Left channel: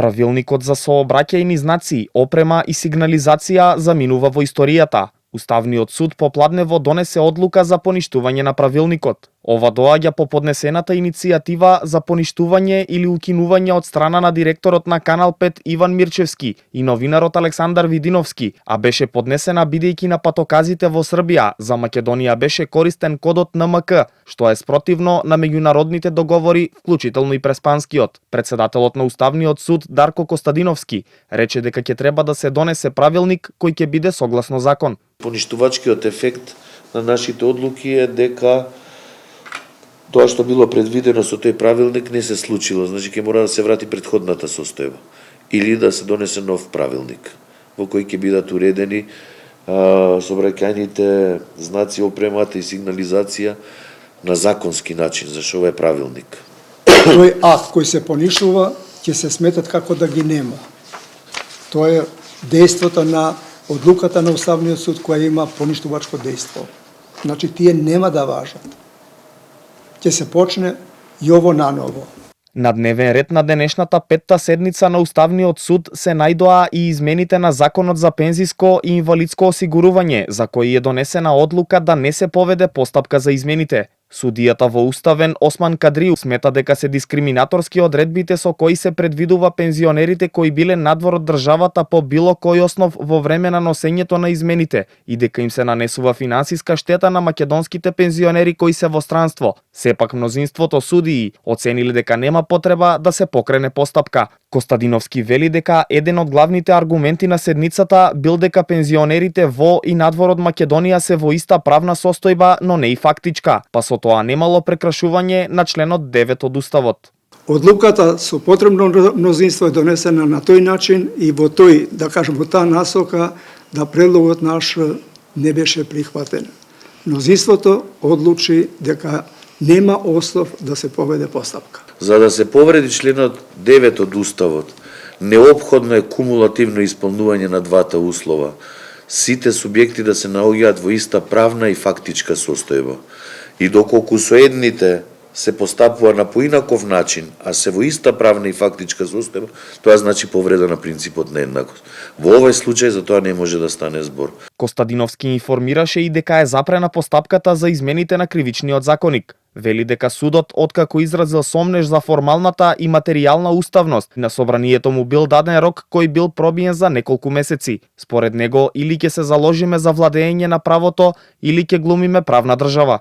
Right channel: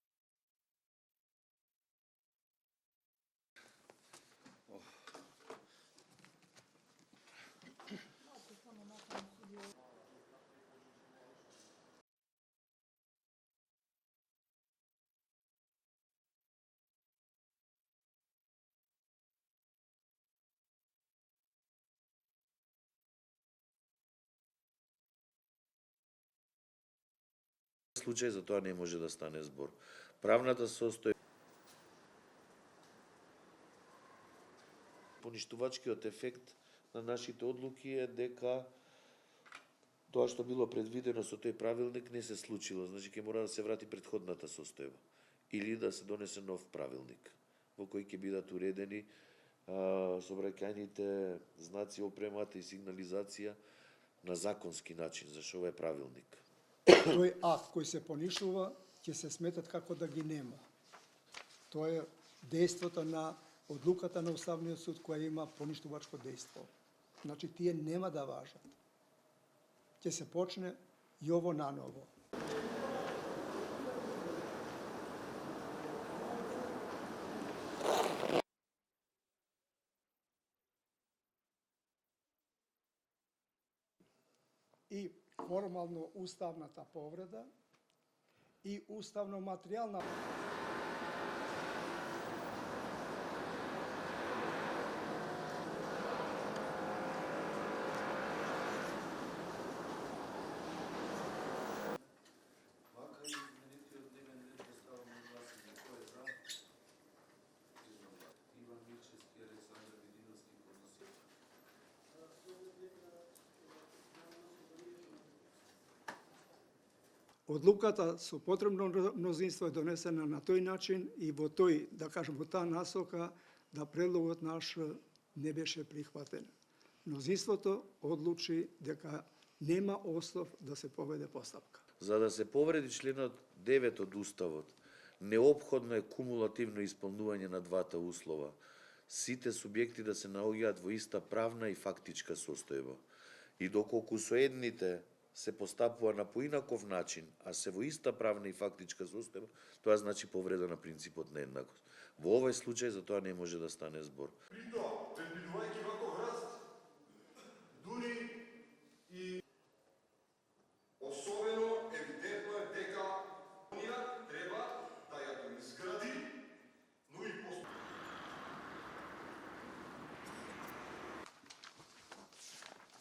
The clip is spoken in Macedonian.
Правилникот за сообраќајни знаци, опрема и сигнализација заминува во историјата. Уставниот суд попладнево донесе одлука за поништување на правилникот. Ова доаѓа по поднесената иницијатива за поништување или укинување од страна на директорот на Канал 5 Иван Мирчевски и новинарот Александар Видиновски, а беше поднесена бидејќи на патоказите во Србија за Македонија беше користен кодот НМК, што е спротивно на меѓународните договори, вклучително и преспанскиот. Председателот на Уставниот суд Дарко Костадиновски рече дека ќе треба да се донесе правилник кој ќе биде согласно закон. Поништувачкиот ефект на нашите одлуки е дека тоа што било предвидено со тој правилник не се случило, значи ќе мора да се врати претходната состојба или да се донесе нов правилник во кој ќе бидат уредени сообраќајните знаци, опремата и сигнализација на законски начин, зашто ова е правилник. Тој акт кој се поништува ќе се сметат како да ги нема. Тоа е дејството на одлуката на Уставниот суд која има поништувачко дејство. Значи тие нема да важат. Ќе се почне и ово наново. На дневен ред на денешната петта седница на Уставниот суд се најдоа и измените на Законот за пензиско и инвалидско осигурување, за кои е донесена одлука да не се поведе постапка за измените. Судијата во Уставен Осман Кадриу смета дека се дискриминаторски одредбите со кои се предвидува пензионерите кои биле надвор од државата по било кој основ во време на носењето на измените и дека им се нанесува финансиска штета на македонските пензионери кои се во странство. Сепак мнозинството судии оцениле дека нема потреба да се покрене постапка. Костадиновски вели дека еден од главните аргументи на седницата бил дека пензионерите во и надвор од Македонија се во иста правна состојба, но не и фактичка, па со тоа немало прекрашување на членот 9 од Уставот. Одлуката со потребно мнозинство е донесена на тој начин и во тој, да кажем, во таа насока да предлогот наш не беше прихватен. Мнозинството одлучи дека нема основ да се поведе постапка. За да се повреди членот 9 од Уставот, неопходно е кумулативно исполнување на двата услова. Сите субјекти да се наоѓаат во иста правна и фактичка состојба. И доколку со едните се постапува на поинаков начин, а се во иста правна и фактичка состојба, тоа значи повреда на принципот на еднакост. Во овој случај за тоа не може да стане збор. Костадиновски информираше и дека е запрена постапката за измените на кривичниот законик. Вели дека судот, откако изразил сомнеж за формалната и материјална уставност, на собранието му бил даден рок кој бил пробиен за неколку месеци. Според него, или ќе се заложиме за владење на правото, или ќе глумиме правна држава.